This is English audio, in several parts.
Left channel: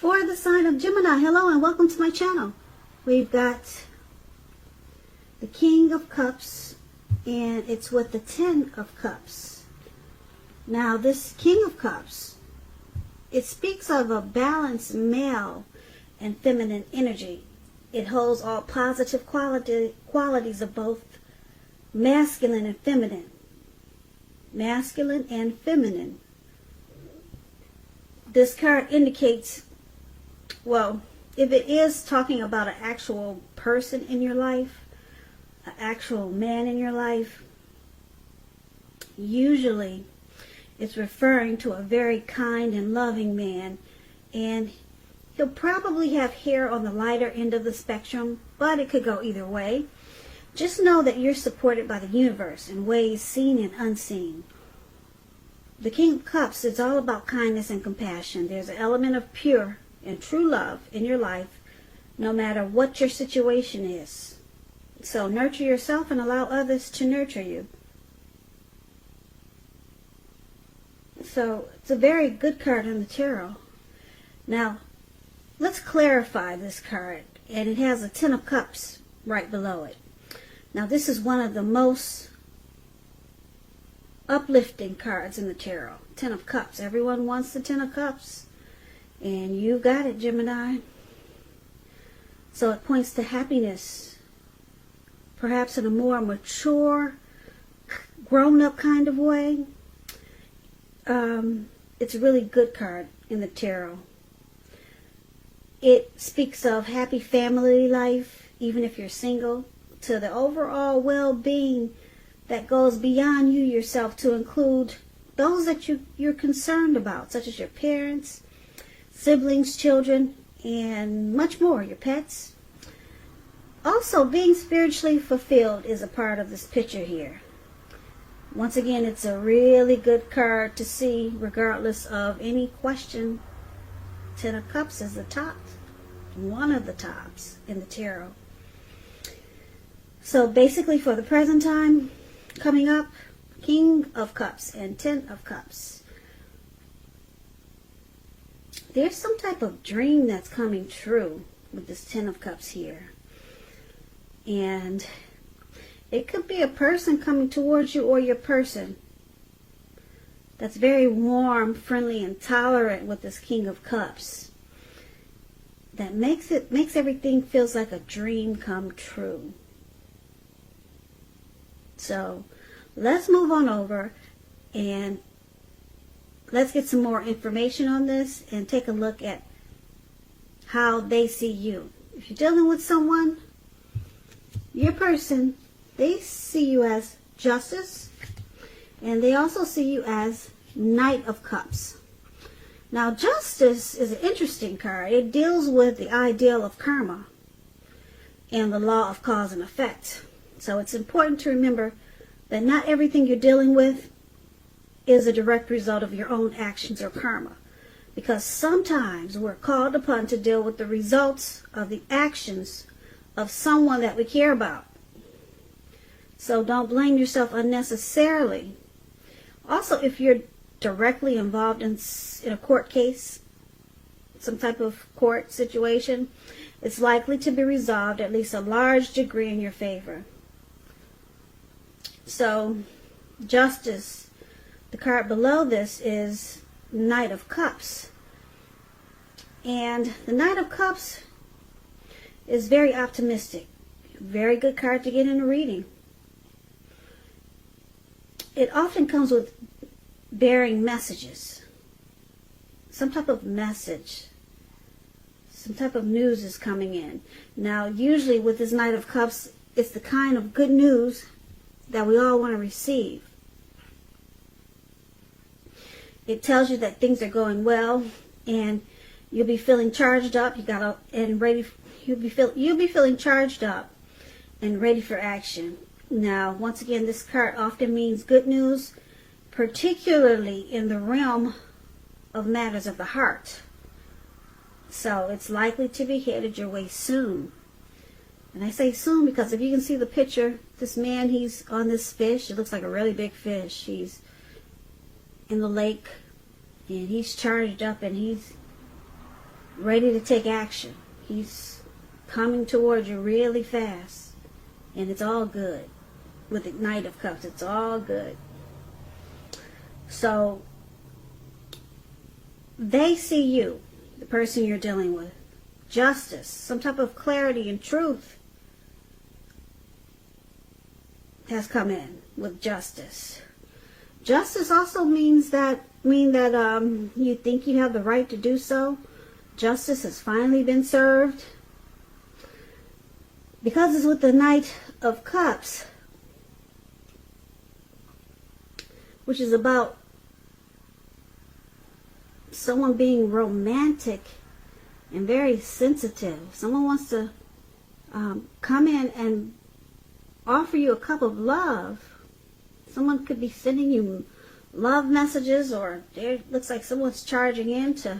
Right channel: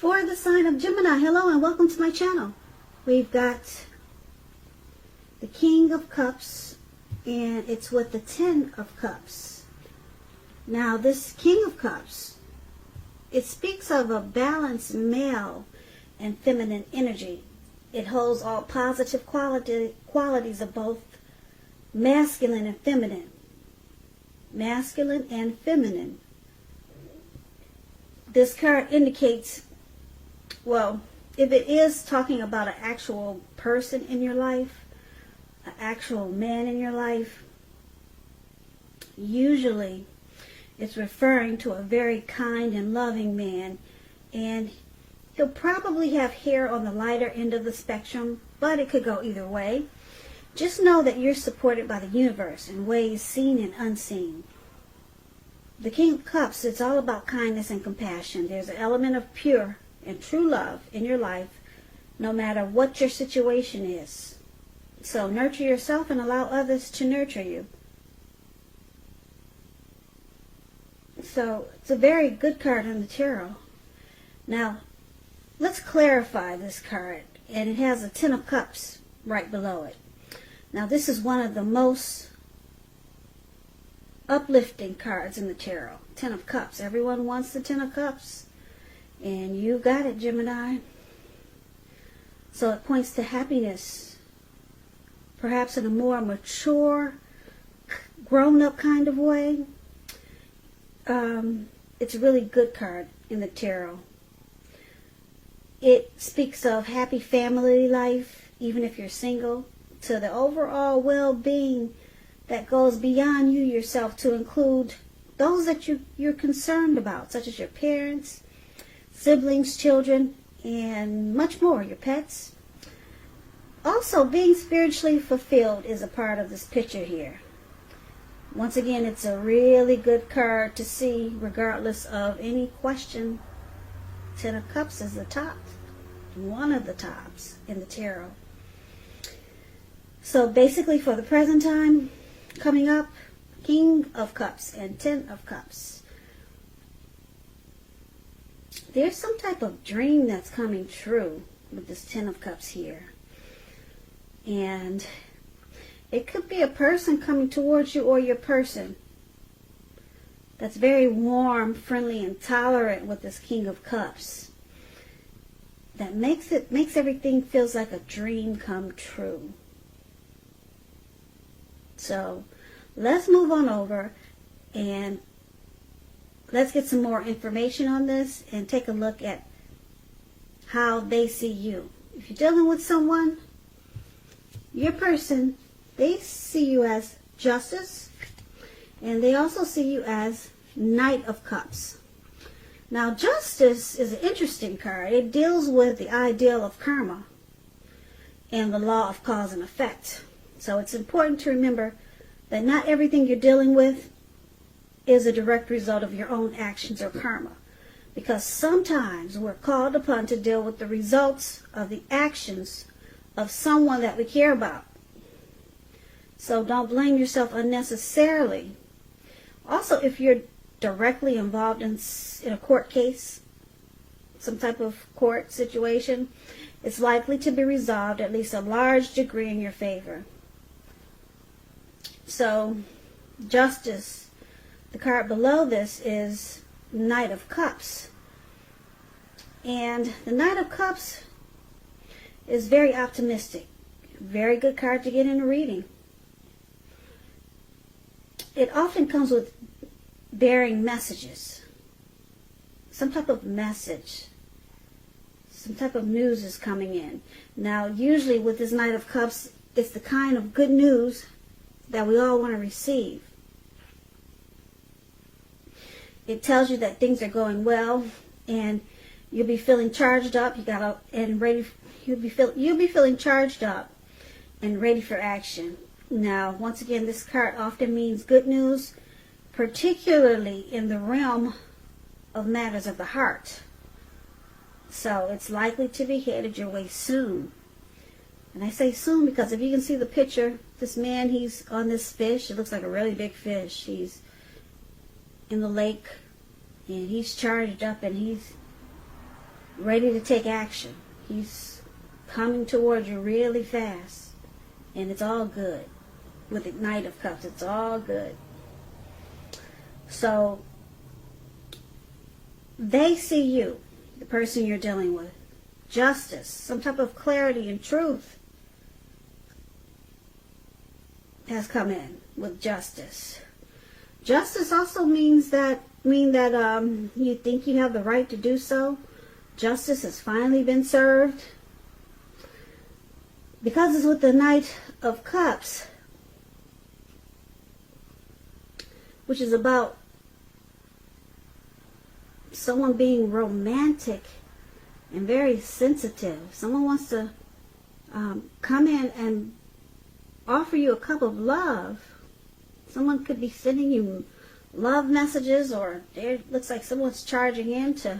For the sign of Gemini, hello and welcome to my channel. We've got the King of Cups, and it's with the Ten of Cups. Now, this King of Cups, it speaks of a balanced male and feminine energy. It holds all positive qualities of both masculine and feminine. Masculine and feminine. This card indicates, well, if it is talking about an actual person in your life, an actual man in your life, usually it's referring to a very kind and loving man, and he'll probably have hair on the lighter end of the spectrum, but it could go either way. Just know that you're supported by the universe in ways seen and unseen. The King of Cups is all about kindness and compassion. There's an element of pure and true love in your life, no matter what your situation is. So nurture yourself and allow others to nurture you. So it's a very good card on the tarot. Now, let's clarify this card. And it has a Ten of Cups right below it. Now, this is one of the most uplifting cards in the tarot. Ten of Cups. Everyone wants the Ten of Cups. And you got it, Gemini. So it points to happiness. Perhaps in a more mature, grown-up kind of way. It's a really good card in the tarot. It speaks of happy family life, even if you're single, to the overall well-being that goes beyond you yourself to include those that you're concerned about, such as your parents, siblings, children, and much more, your pets. Also, being spiritually fulfilled is a part of this picture here. Once again, it's a really good card to see, regardless of any question. Ten of Cups is the top, one of the tops in the tarot. So basically, for the present time, coming up, King of Cups and Ten of Cups. There's some type of dream that's coming true with this Ten of Cups here. And it could be a person coming towards you, or your person that's very warm, friendly, and tolerant with this King of Cups. That makes everything feels like a dream come true. So let's move on over and let's get some more information on this and take a look at how they see you. If you're dealing with someone, your person, they see you as Justice, and they also see you as Knight of Cups. Now, Justice is an interesting card. It deals with the ideal of karma and the law of cause and effect. So it's important to remember that not everything you're dealing with is a direct result of your own actions or karma. Because sometimes we're called upon to deal with the results of the actions of someone that we care about. So don't blame yourself unnecessarily. Also, if you're directly involved in a court case, some type of court situation, it's likely to be resolved at least a large degree in your favor. So, Justice, the card below this is Knight of Cups. And the Knight of Cups is very optimistic. Very good card to get in a reading. It often comes with bearing messages. Some type of message. Some type of news is coming in. Now, usually with this Knight of Cups, it's the kind of good news that we all want to receive. It tells you that things are going well, and you'll be feeling charged up. You'll be feeling charged up and ready for action. Now, once again, this card often means good news, particularly in the realm of matters of the heart. So it's likely to be headed your way soon. And I say soon because if you can see the picture, this man, he's on this fish. It looks like a really big fish. He's in the lake, and he's charged up, and he's ready to take action. He's coming towards you really fast. And it's all good. With the Knight of Cups, it's all good. So, they see you, the person you're dealing with. Justice, some type of clarity and truth has come in with justice. Justice also means that you think you have the right to do so. Justice has finally been served. Because it's with the Knight of Cups, which is about someone being romantic and very sensitive. Someone wants to come in and offer you a cup of love. Someone could be sending you love messages, or it looks like someone's charging in to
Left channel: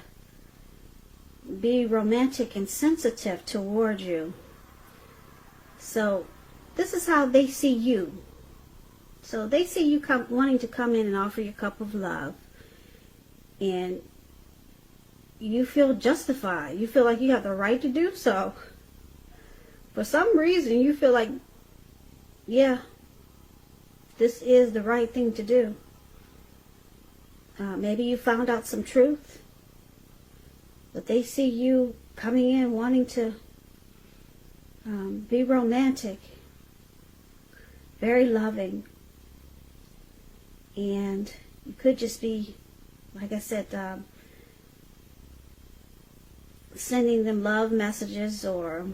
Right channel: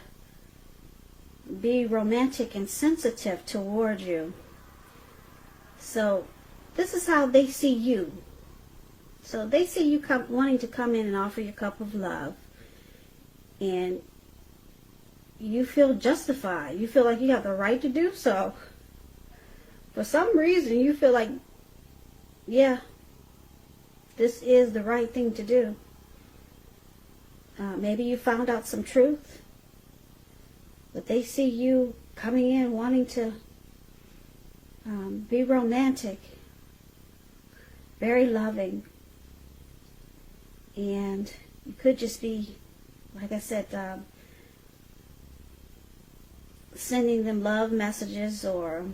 be romantic and sensitive toward you. So this is how they see you. So they see you wanting to come in and offer you a cup of love. And you feel justified. You feel like you have the right to do so. For some reason, you feel like, yeah, this is the right thing to do. Maybe you found out some truth. But they see you coming in wanting to be romantic, very loving. And you could just be, like I said, sending them love messages or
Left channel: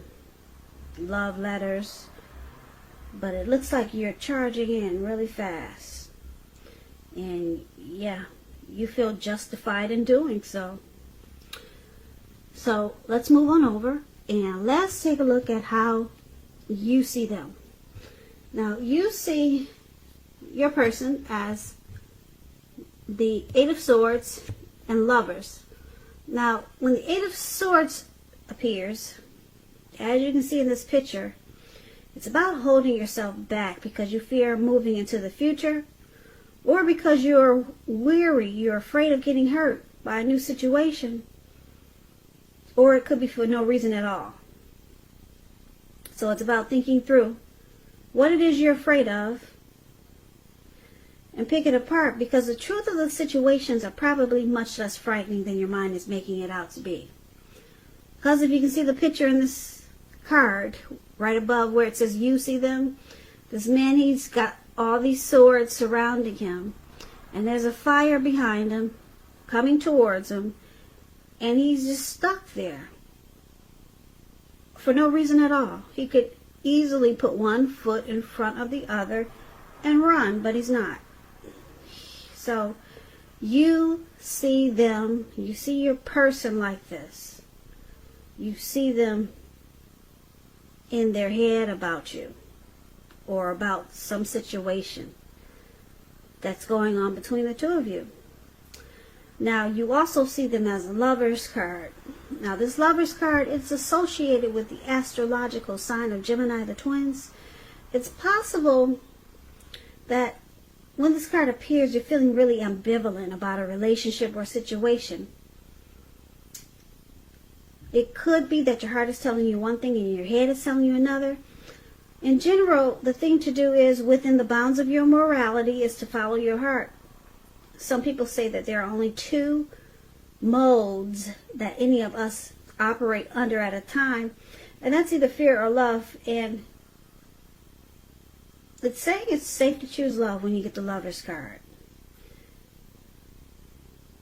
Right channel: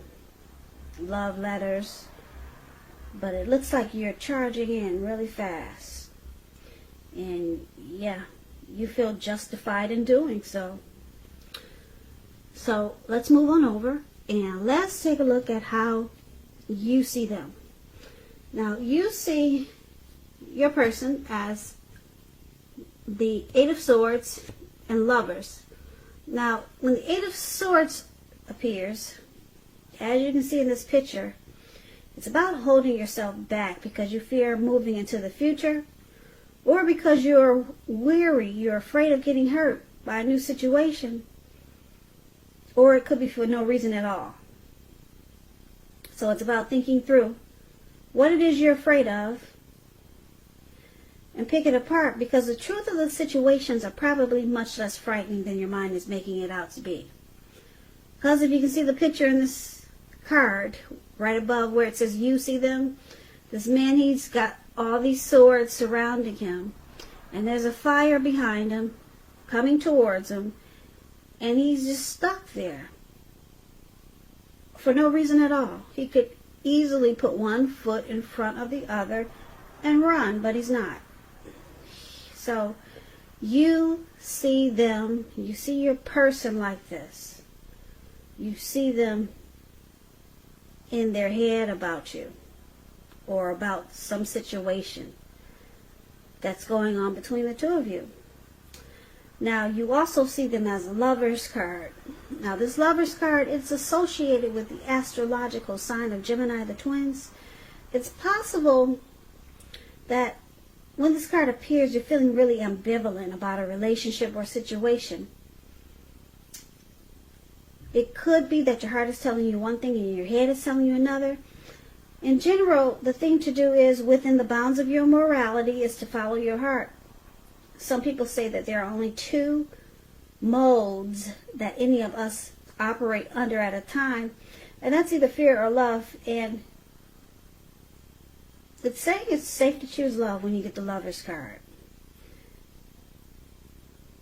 love letters. But it looks like you're charging in really fast. And yeah, you feel justified in doing so. So let's move on over and let's take a look at how you see them. Now, you see your person as the Eight of Swords and Lovers. Now, when the Eight of Swords appears, as you can see in this picture, it's about holding yourself back because you fear moving into the future, or because you are weary, you're afraid of getting hurt by a new situation, or it could be for no reason at all. So it's about thinking through what it is you're afraid of and picking apart, because the truth of the situations are probably much less frightening than your mind is making it out to be. Because if you can see the picture in this card, right above where it says you see them, this man, he's got all these swords surrounding him, and there's a fire behind him coming towards him, and he's just stuck there for no reason at all. He could easily put one foot in front of the other and run, but he's not. So you see them, you see your person like this. You see them in their head about you, or about some situation that's going on between the two of you. Now, you also see them as Lover's card. Now, this Lover's card is associated with the astrological sign of Gemini, the twins. It's possible that when this card appears, you're feeling really ambivalent about a relationship or situation. It could be that your heart is telling you one thing and your head is telling you another. In general, the thing to do is, within the bounds of your morality, is to follow your heart. Some people say that there are only two modes that any of us operate under at a time, and that's either fear or love. And it's saying it's safe to choose love when you get the Lover's card.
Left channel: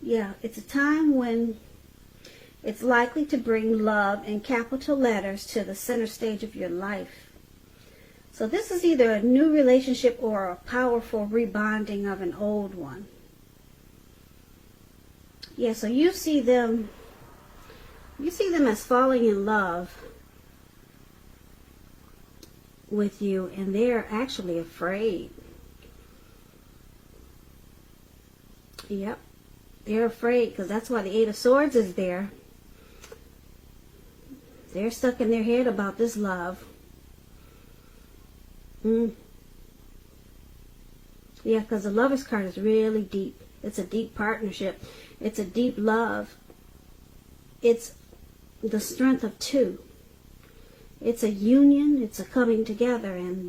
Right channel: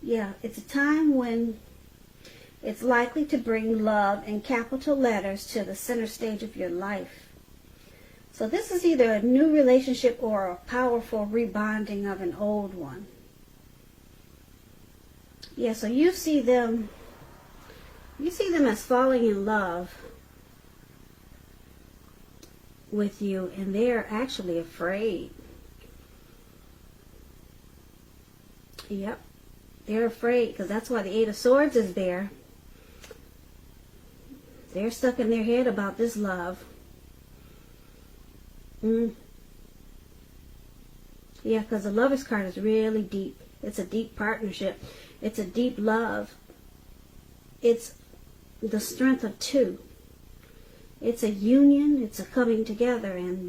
Yeah, it's a time when it's likely to bring love in capital letters to the center stage of your life. So this is either a new relationship or a powerful rebonding of an old one. Yeah, so you see them as falling in love with you, and they're actually afraid. Yep, they're afraid, because that's why the Eight of Swords is there. They're stuck in their head about this love. Yeah, because the Lover's card is really deep. It's a deep partnership. It's a deep love. It's the strength of two. It's a union, it's a coming together, and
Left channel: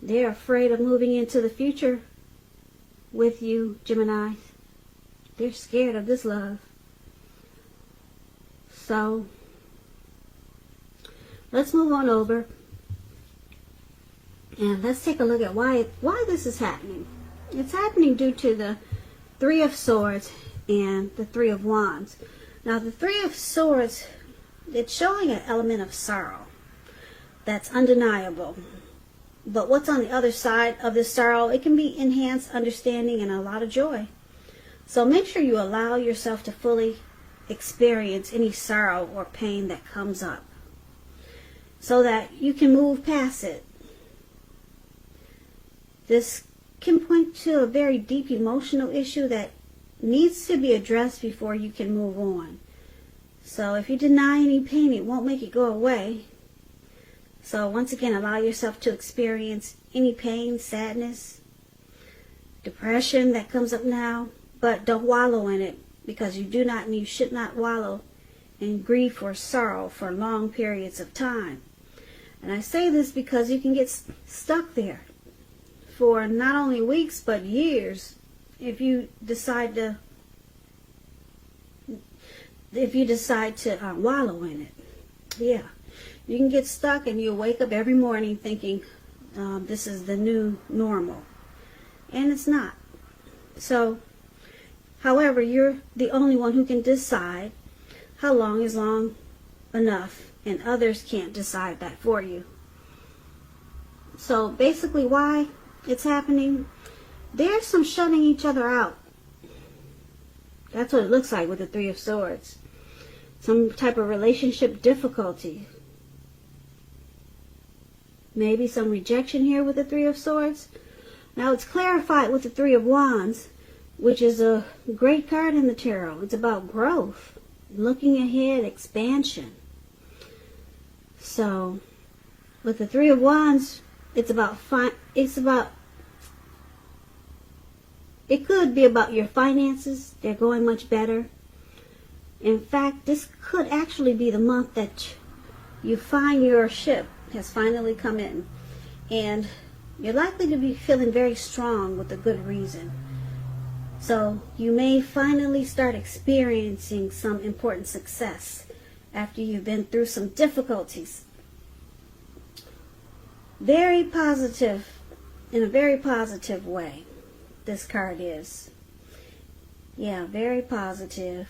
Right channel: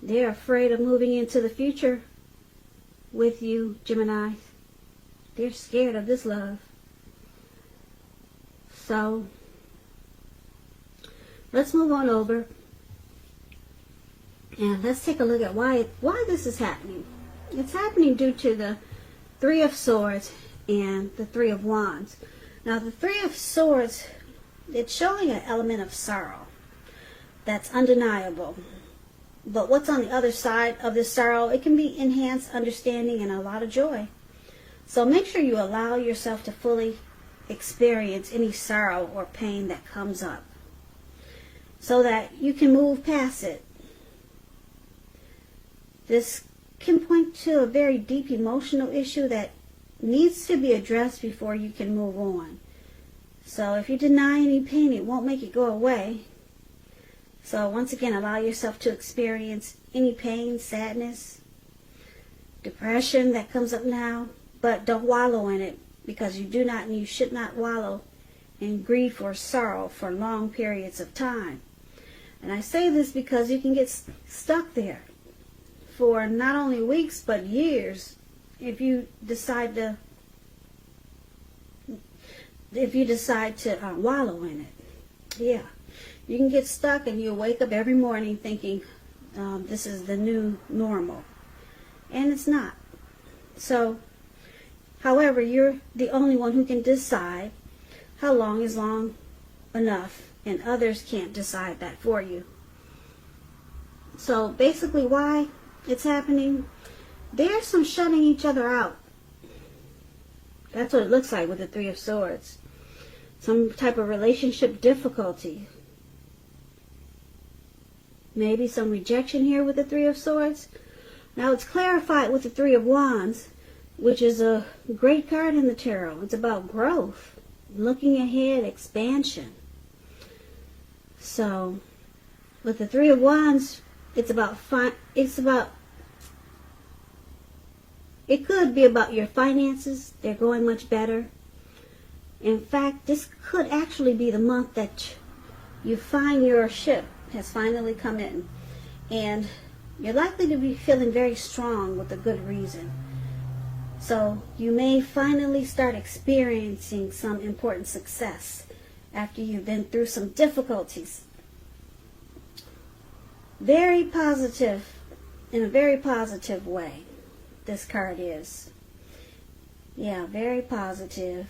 they're afraid of moving into the future with you, Gemini. They're scared of this love. So, let's move on over and let's take a look at why this is happening. It's happening due to the Three of Swords and the Three of Wands. Now, the Three of Swords, it's showing an element of sorrow. That's undeniable. But what's on the other side of this sorrow, it can be enhanced understanding and a lot of joy. So make sure you allow yourself to fully experience any sorrow or pain that comes up so that you can move past it. This can point to a very deep emotional issue that needs to be addressed before you can move on. So if you deny any pain, it won't make it go away. So once again, allow yourself to experience any pain, sadness, depression that comes up now, but don't wallow in it, because you do not and you should not wallow in grief or sorrow for long periods of time. And I say this because you can get stuck there for not only weeks but years if you decide to wallow in it. Yeah, you can get stuck and you wake up every morning thinking this is the new normal, and it's not. So, however, you're the only one who can decide how long is long enough, and others can't decide that for you. So basically, why it's happening, there's some shutting each other out. That's what it looks like with the Three of Swords. Some type of relationship difficulty. Maybe some rejection here with the Three of Swords. Now it's clarified with the Three of Wands, which is a great card in the tarot. It's about growth, looking ahead, expansion. So, with the Three of Wands, it could be about your finances. They're going much better. In fact, this could actually be the month that you find your ship has finally come in. And you're likely to be feeling very strong with a good reason. So you may finally start experiencing some important success after you've been through some difficulties. Very positive, in a very positive way, this card is. Yeah, very positive.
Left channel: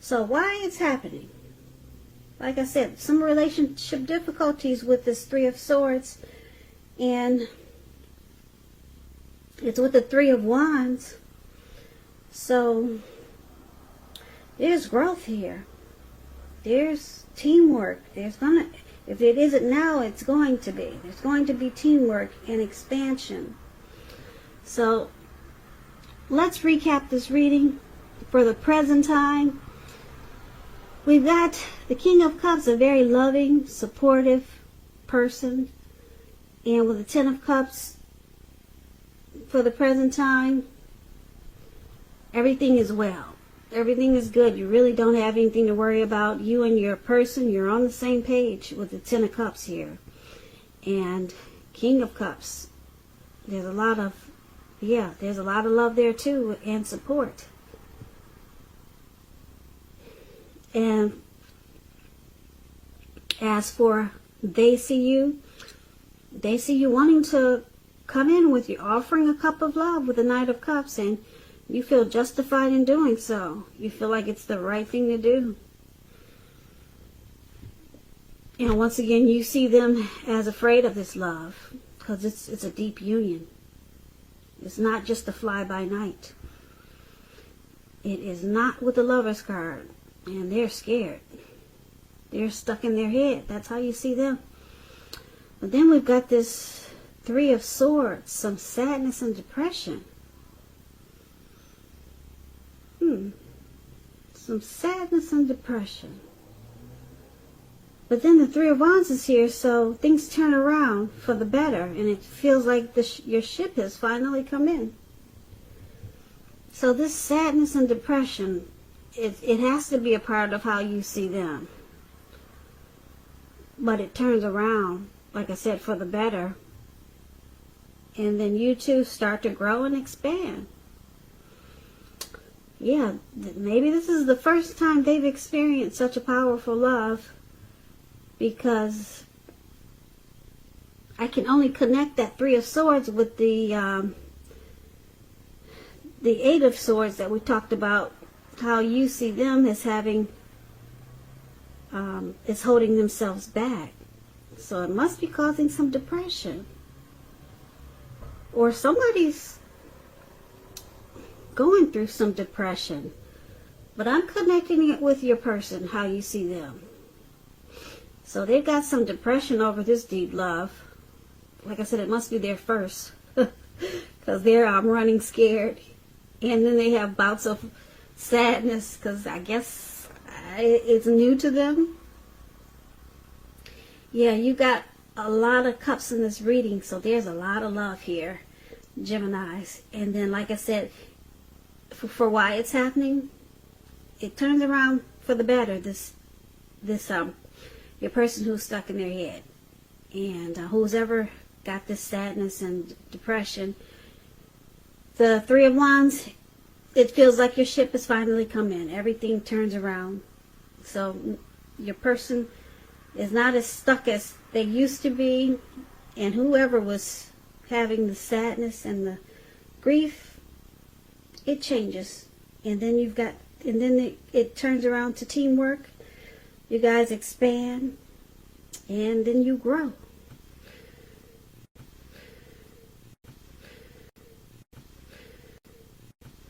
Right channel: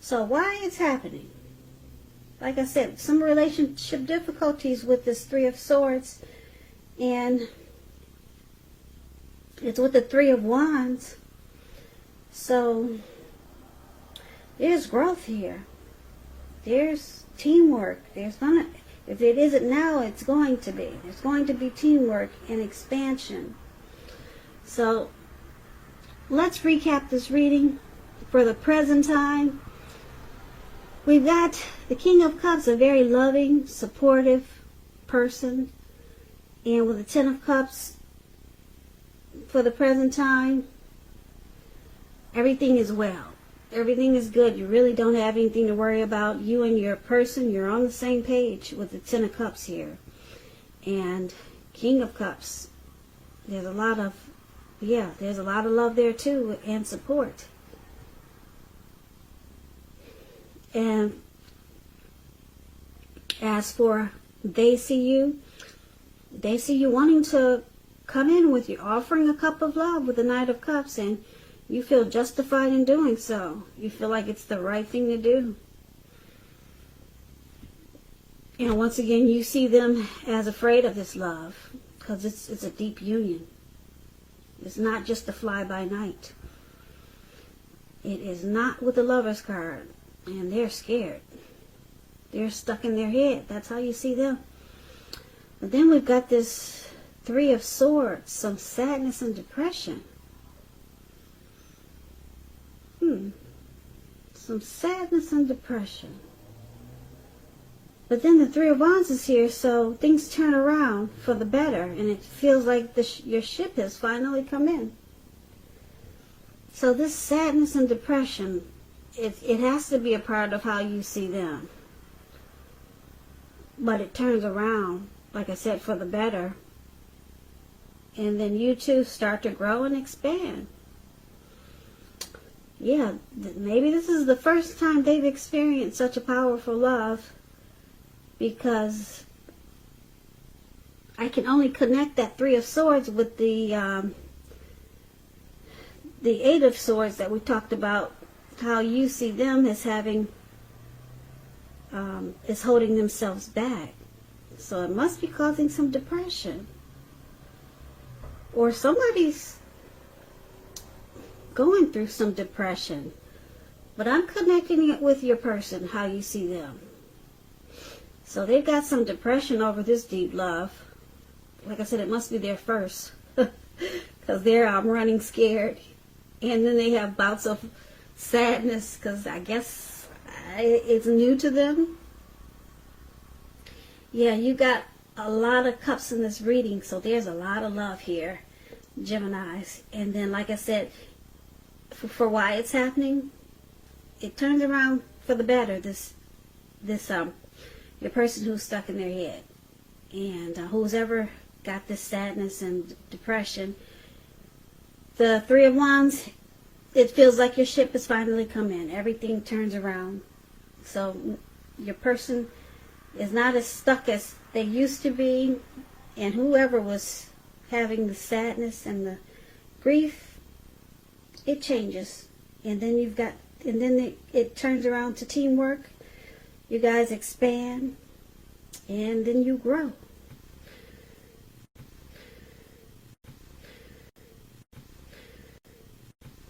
So why it's happening? Like I said, some relationship difficulties with this Three of Swords, and it's with the Three of Wands. So there's growth here. There's teamwork. If it isn't now, it's going to be. There's going to be teamwork and expansion. So let's recap this reading for the present time. We've got the King of Cups, a very loving, supportive person. And with the Ten of Cups, for the present time, everything is well. Everything is good. You really don't have anything to worry about. You and your person, you're on the same page with the Ten of Cups here. And King of Cups, there's a lot of love there too, and support. And as for they see you wanting to come in with you, offering a cup of love with the Knight of Cups, and you feel justified in doing so. You feel like it's the right thing to do. And once again, you see them as afraid of this love, because it's a deep union. It's not just the fly-by-night. It is not with the Lover's card. And they're scared. They're stuck in their head. That's how you see them. But then we've got this Three of Swords, some sadness and depression. Some sadness and depression. But then the Three of Wands is here, so things turn around for the better, and it feels like your ship has finally come in. So this sadness and depression, it has to be a part of how you see them. But it turns around, like I said, for the better. And then you two start to grow and expand. Yeah, maybe this is the first time they've experienced such a powerful love, because I can only connect that Three of Swords with the Eight of Swords that we talked about, how you see them as having, is holding themselves back. So it must be causing some depression. Or somebody's going through some depression. But I'm connecting it with your person, how you see them. So they got some depression over this deep love. Like I said, it must be there first. Because I'm running scared. And then they have bouts of sadness, because I guess it's new to them. Yeah, you got a lot of cups in this reading, so there's a lot of love here, Geminis. And then, like I said, for why it's happening, it turns around for the better. Your person who's stuck in their head, and who's ever got this sadness and depression, the Three of Wands, it feels like your ship has finally come in. Everything turns around. So your person is not as stuck as they used to be, and whoever was having the sadness and the grief, it changes. And then it turns around to teamwork. You guys expand, and then you grow.